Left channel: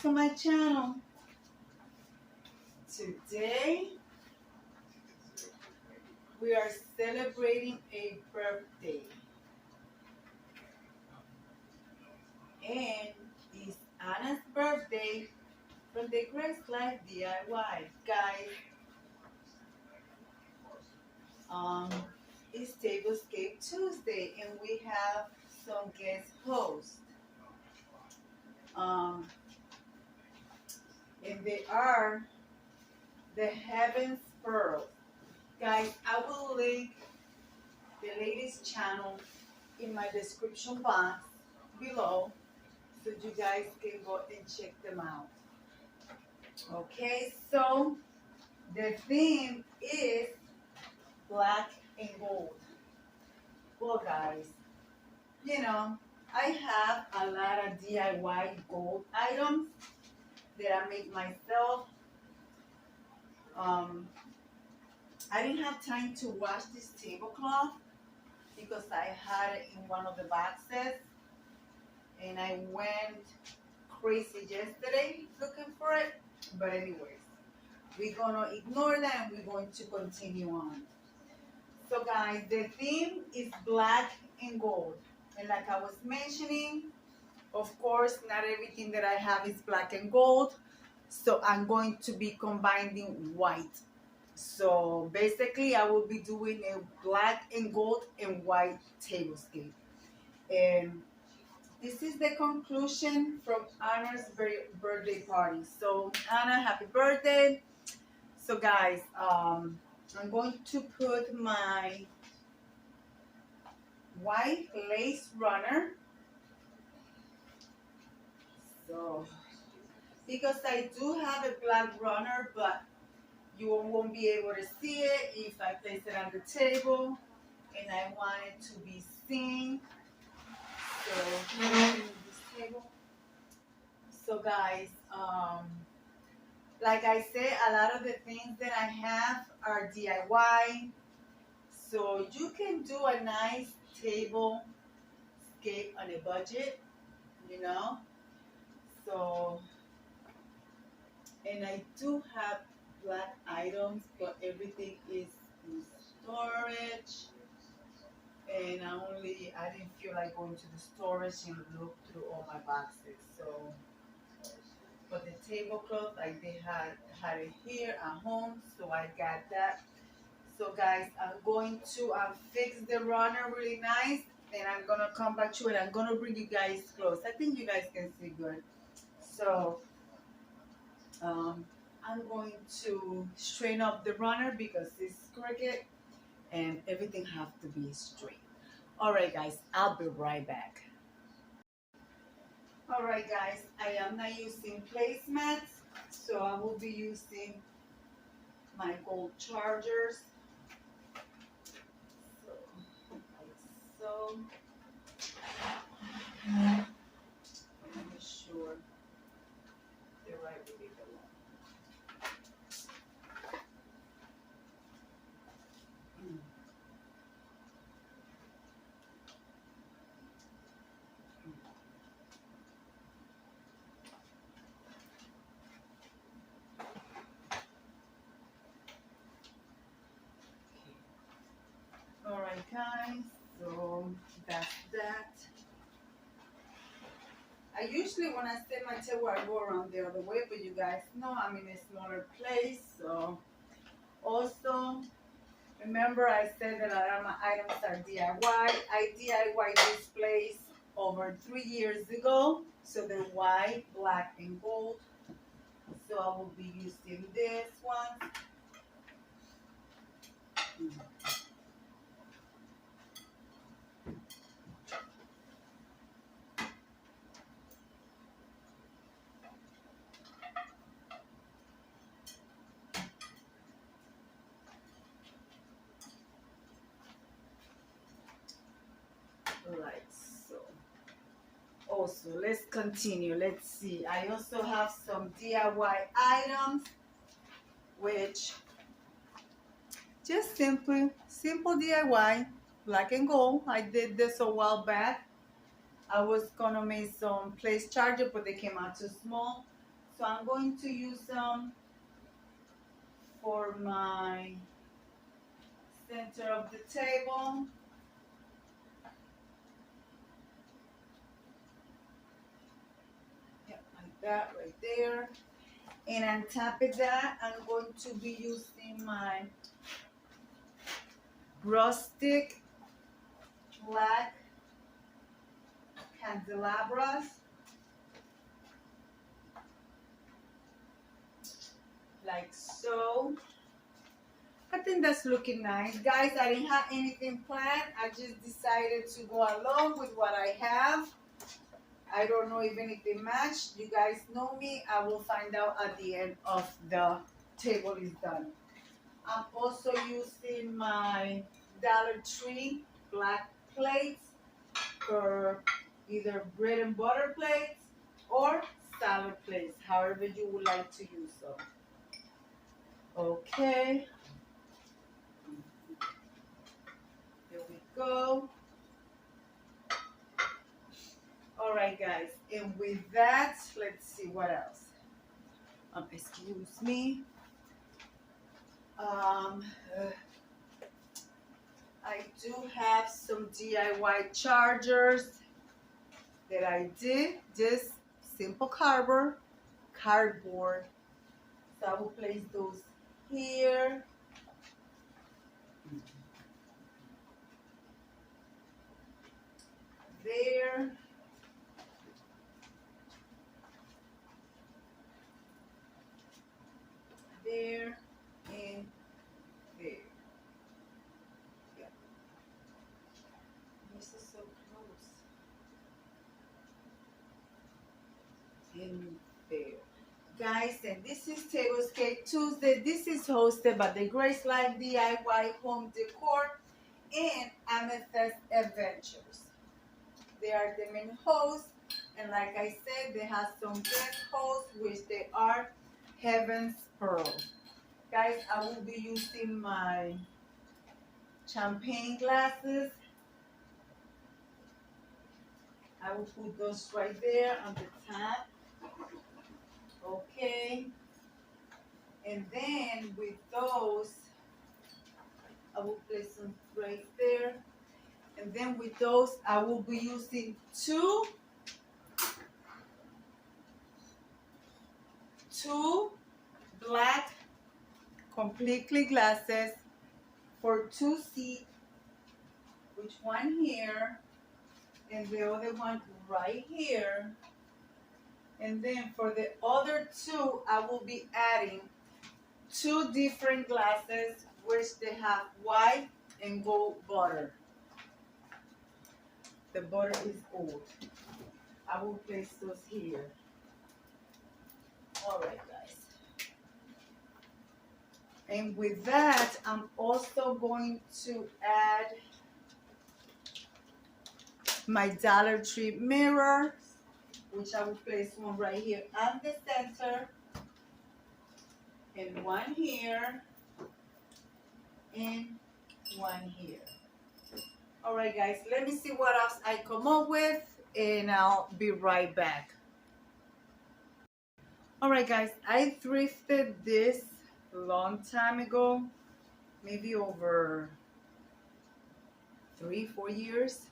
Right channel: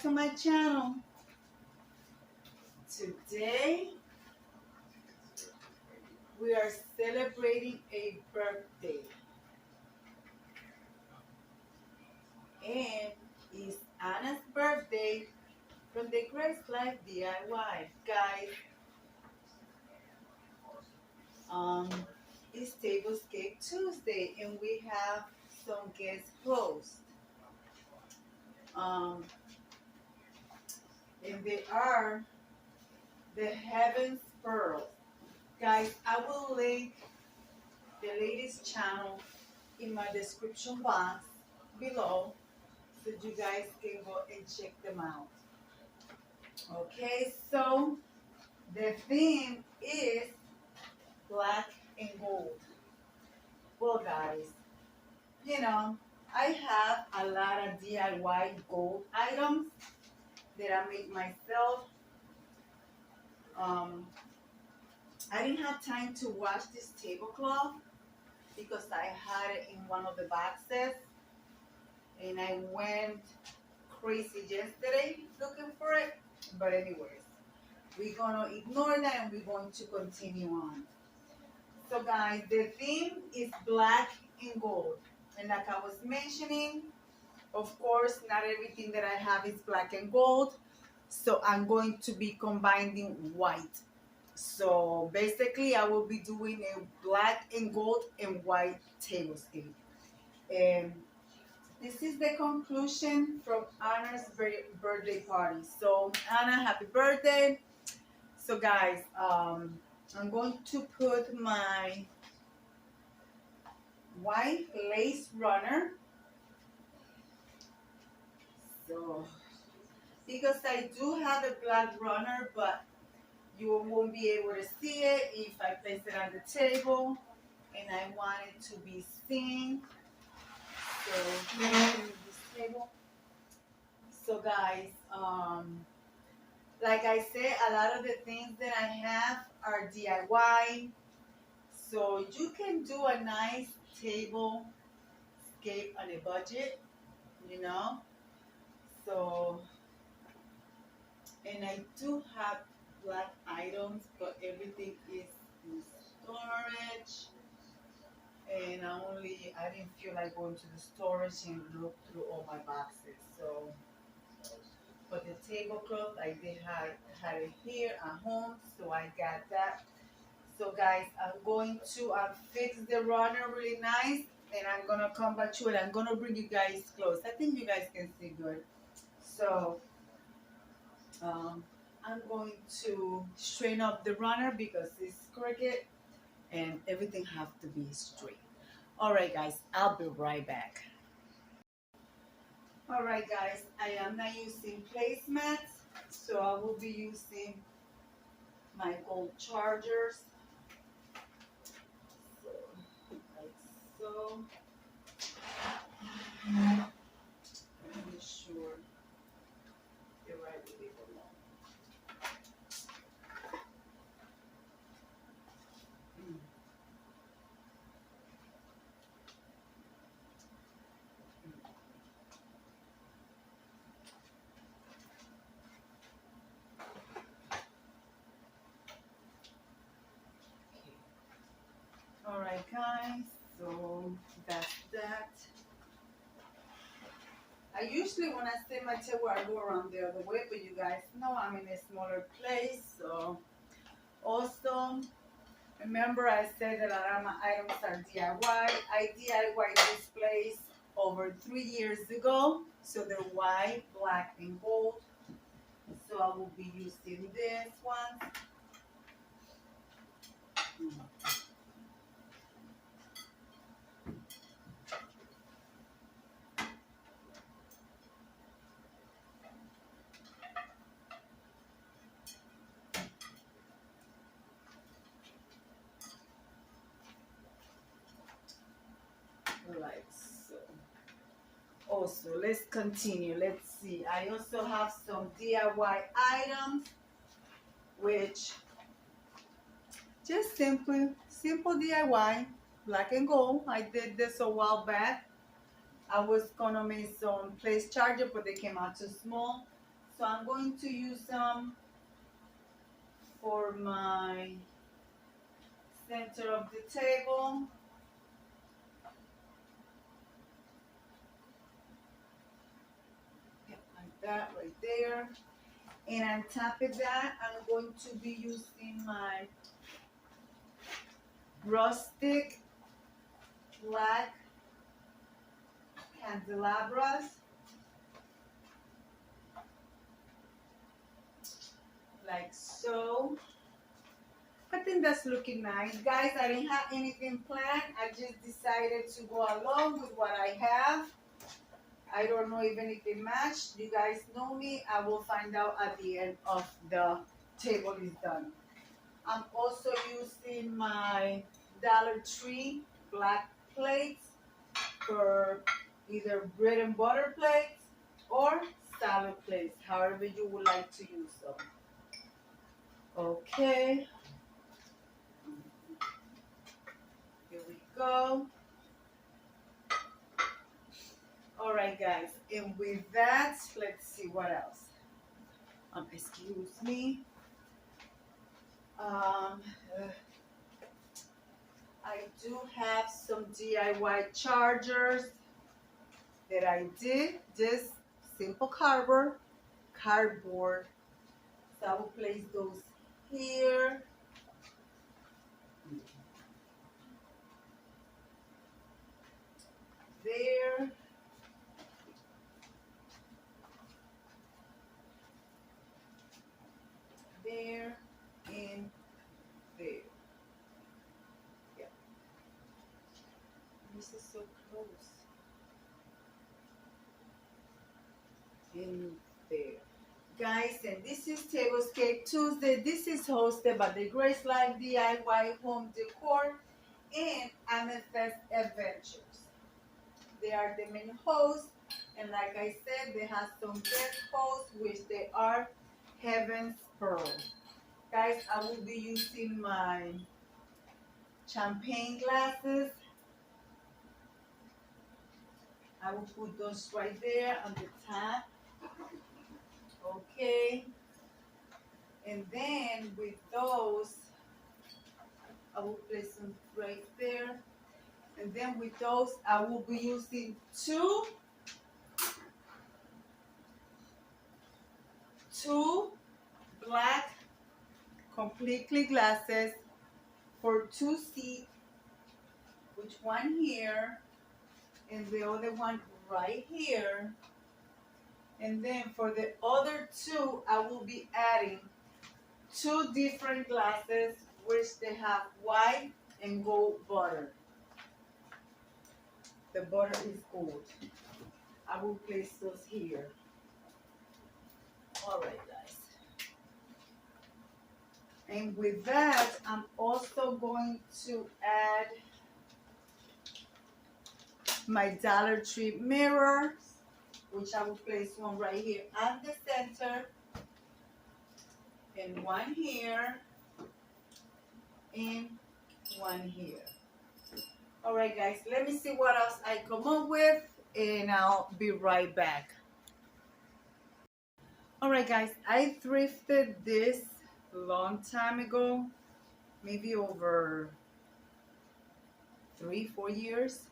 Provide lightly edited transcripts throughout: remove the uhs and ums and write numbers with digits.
back to my channel. Today we are celebrating a birthday, and it's Anna's birthday from the Grace Life DIY. Guys, it's Tablescape Tuesday and we have some guest hosts. And they are the Heaven's Pearls. Guys, I will link the ladies' channel in my description box below so you guys can go and check them out. Okay, so the theme is black and gold. Well, guys, you know, I have a lot of DIY gold items that I make myself. I didn't have time to wash this tablecloth because I had it in one of the boxes and I went crazy yesterday looking for it. But anyways, we're gonna ignore that and we're going to continue on. So guys, the theme is black and gold. And like I was mentioning, of course, not everything that I have is black and gold. So I'm going to be combining white. So basically, I will be doing a black and gold and white tablescape. And this is the conclusion from Anna's birthday party. So Anna, happy birthday. So guys, I'm going to put my white lace runner. So, because I do have a black runner, but you won't be able to see it if I place it on the table, and I want it to be seen. So, this table. So guys, like I said, a lot of the things that I have are DIY. So you can do a nice table scape on a budget, you know. So, and I do have black items, but everything is in storage. And I didn't feel like going to the storage and look through all my boxes. So, but the tablecloth, I did had it here at home, so I got that. So guys, I'm going to fix the runner really nice, and I'm gonna come back to it. I'm gonna bring you guys close. I think you guys can see good. So I'm going to straighten up the runner because it's crooked and everything have to be straight. All right, guys, I'll be right back. All right, guys, I am not using placemats, so I will be using my gold chargers. So, like so. Make sure they're right where they belong. All right, guys, so that's that. I usually, when I set my table, I go around the other way, but you guys know I'm in a smaller place. So also, remember I said that a lot of my items are DIY. I DIY this place over 3 years ago. So they're white, black, and gold. So I will be using this one. Like so. Also, let's continue. Let's see. I also have some DIY items, which just simple DIY, black and gold. I did this a while back. I was gonna make some place charger, but they came out too small. So I'm going to use them for my center of the table. Yep, like that right there. And on top of that, I'm going to be using my rustic black candelabras. Like so. I think that's looking nice. Guys, I didn't have anything planned. I just decided to go along with what I have. I don't know if anything matched. You guys know me. I will find out at the end of the table is done. I'm also using my Dollar Tree black plates for either bread and butter plates or salad plates, however you would like to use them. Okay. Here we go. All right, guys. And with that, let's see what else. Excuse me. I do have some DIY chargers that I did. Just simple cardboard. So I will place those here. There. There and there. Yeah. This is so close. And there. Guys, and this is Tablescape Tuesday. This is hosted by the Grace Life DIY Home Decor and AmethystAdventures. They are the main hosts, and like I said, they have some guest hosts, which they are Heaven's Pearl. Guys, I will be using my champagne glasses. I will put those right there on the top. Okay. And then with those, I will place them right there. And then with those, I will be using two black completely glasses for 2 seats, which one here and the other one right here. And then for the other 2, I will be adding 2 different glasses, which they have white and gold butter. The butter is gold. I will place those here. All right, guys. And with that, I'm also going to add my Dollar Tree mirror, which I will place one right here on the center, and one here, and one here. All right, guys, let me see what else I come up with, and I'll be right back. All right, guys, I thrifted this a long time ago, maybe over 3-4 years.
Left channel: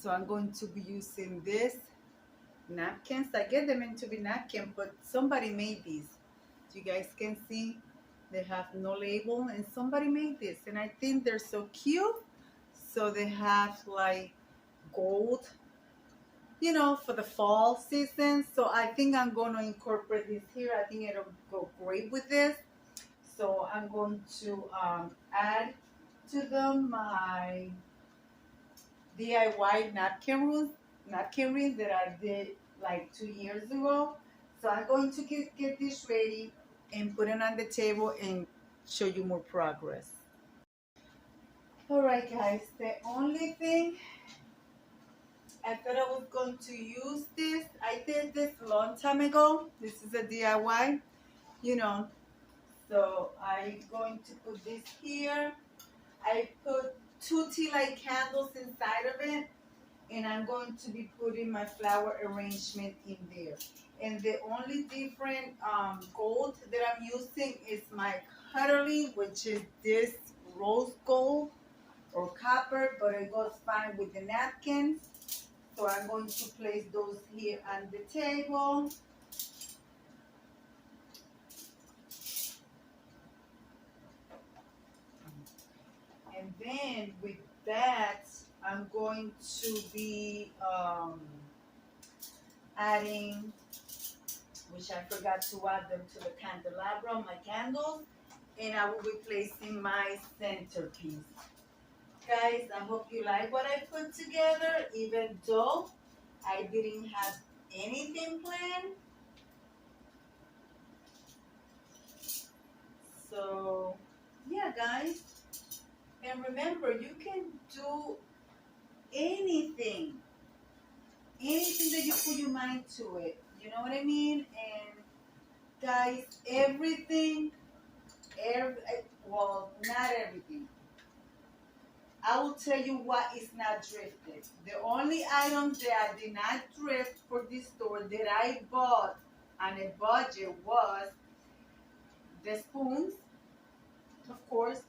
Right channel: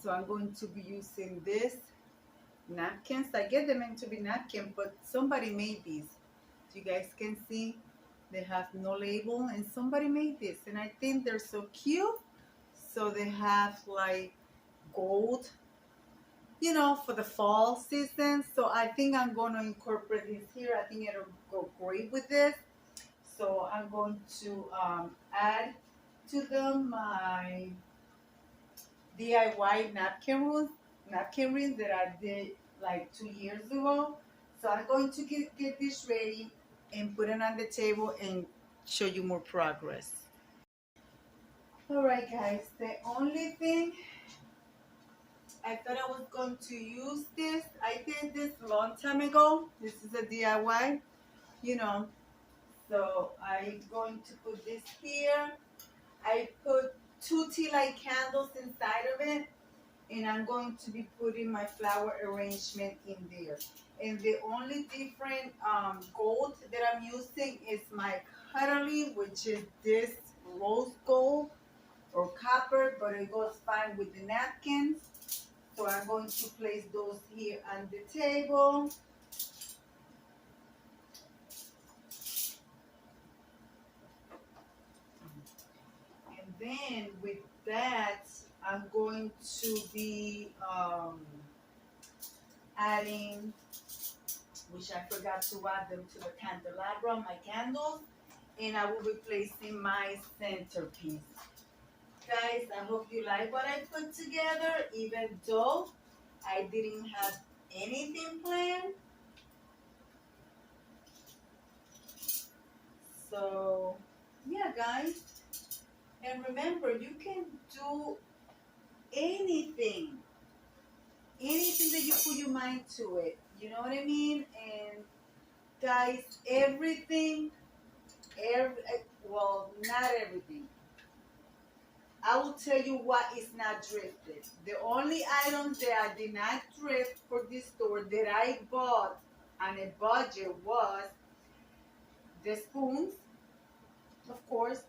So I'm going to be using this napkins. I get them in to be napkin, but somebody made these. So you guys can see they have no label, and somebody made this, and I think they're so cute. So they have like gold, you know, for the fall season. So I think I'm going to incorporate this here. I think it'll go great with this. So I'm going to add to them my DIY napkin rings that I did like 2 years ago. So I'm going to get this ready and put it on the table and show you more progress. All right, guys, the only thing I thought I was going to use this. I did this a long time ago. This is a DIY, you know. So I'm going to put this here. I put 2 tea light candles inside of it. and I'm going to be putting my flower arrangement in there. And the only different gold that I'm using is my cutlery, which is this rose gold or copper, but it goes fine with the napkins. So I'm going to place those here on the table. And then with that, I'm going to be adding, which I forgot to add them to the candelabra, my candles, and I will be placing my centerpiece. Guys, I hope you like what I put together, even though I didn't have anything planned. So, yeah, guys. And remember, you can do anything. Anything that you put your mind to it. You know what I mean? And guys, everything, well, not everything. I will tell you what is not drifted. The only items that I did not drift for this store that I bought on a budget was the spoons, of course,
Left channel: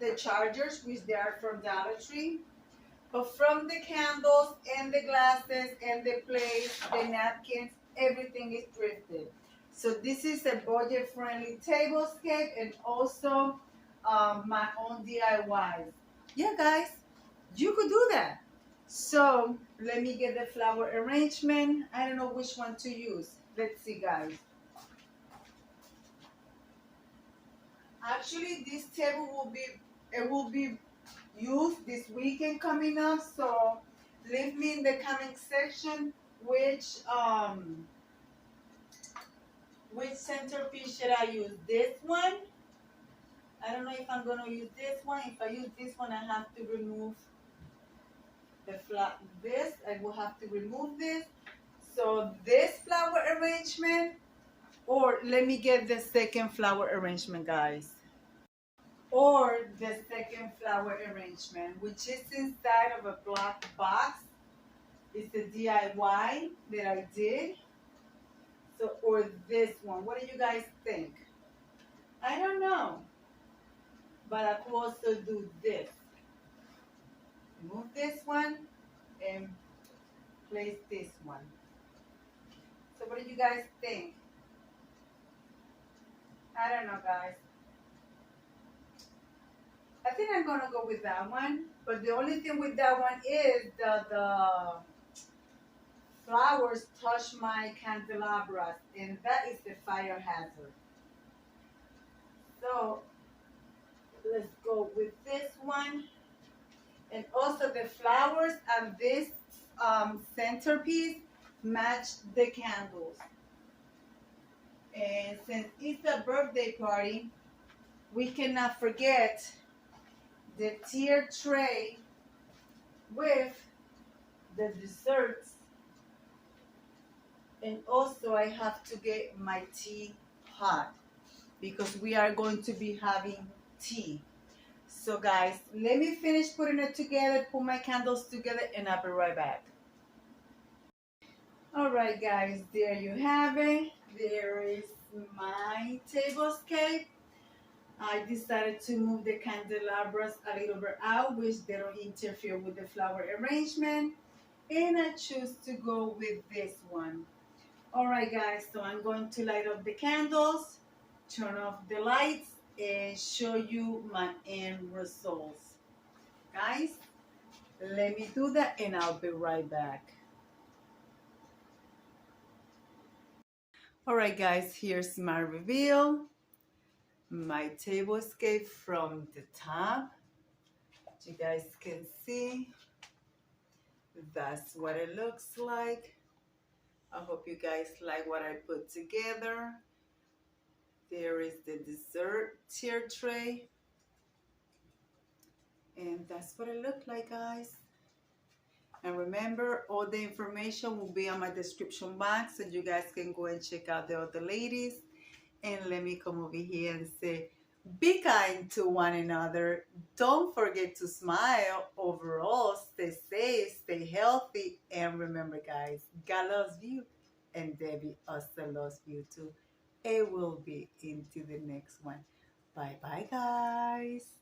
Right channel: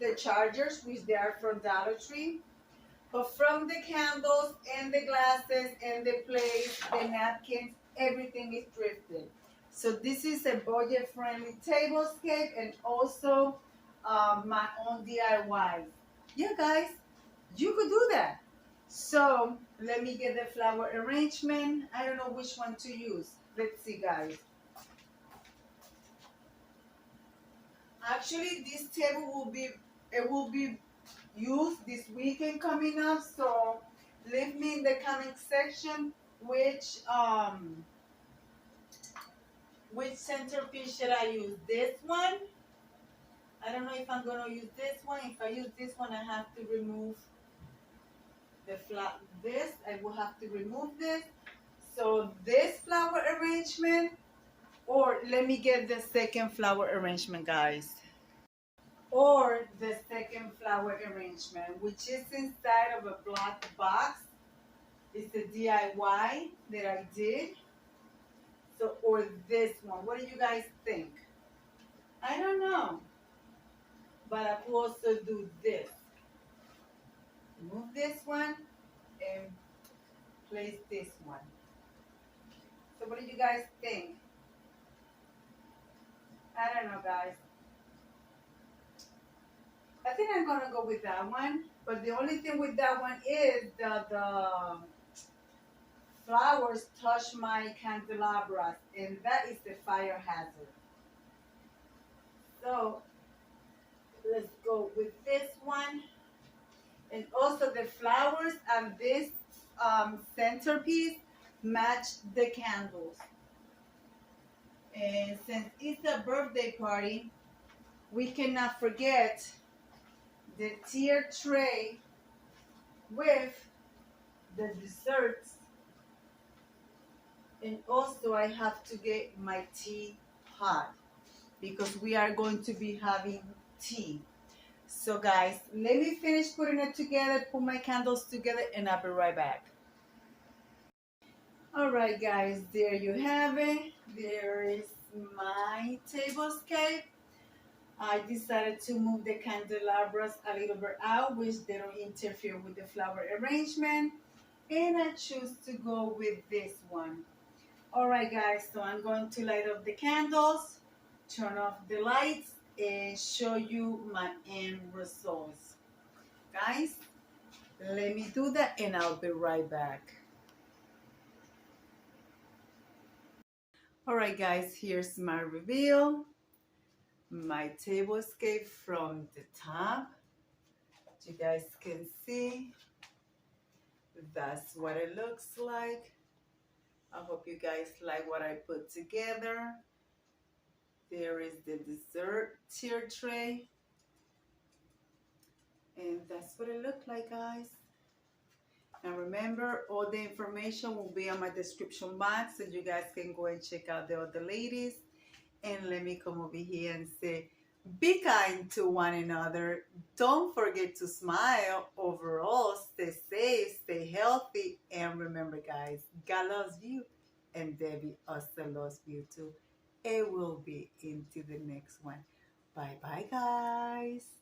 the chargers, which they are from Dollar Tree, but from the candles and the glasses and the plates, the napkins, everything is thrifted. So this is a budget-friendly tablescape and also my own DIY. Yeah, guys, you could do that. So let me get the flower arrangement. I don't know which one to use. Let's see, guys. Actually, this table will be used this weekend coming up. So leave me in the comment section which centerpiece should I use? This one? I don't know if I'm gonna use this one. If I use this one, I have to remove this. I will have to remove this. So this flower arrangement, or let me get the second flower arrangement, guys. Or the second flower arrangement, which is inside of a black box. It's a DIY that I did. So, or this one. What do you guys think? I don't know. But I could also do this. Move this one and place this one. So what do you guys think? I don't know, guys. I think I'm gonna go with that one. But the only thing with that one is the flowers touch my candelabras, and that is the fire hazard. So let's go with this one. And also the flowers and this centerpiece match the candles. And since it's a birthday party, we cannot forget the tier tray with the desserts. And also I have to get my tea hot because we are going to be having tea. So guys, let me finish putting it together, put my candles together, and I'll be right back. All right, guys, there you have it. There is my tablescape. I decided to move the candelabras a little bit out, which they don't interfere with the flower arrangement. And I choose to go with this one. All right, guys, so I'm going to light up the candles, turn off the lights, and show you my end results. Guys, let me do that and I'll be right back. All right, guys, here's my reveal. My tablescape from the top. You guys can see that's what it looks like. I hope you guys like what I put together. There is the dessert tier tray. And that's what it looked like, guys. And remember, all the information will be on my description box, so you guys can go and check out the other ladies. And let me come over here and say, Be kind to one another. Don't forget to smile. Overall, stay safe, stay healthy, and remember, guys, God loves you, and Debbie also loves you too. It will be into the next one. Bye bye, guys.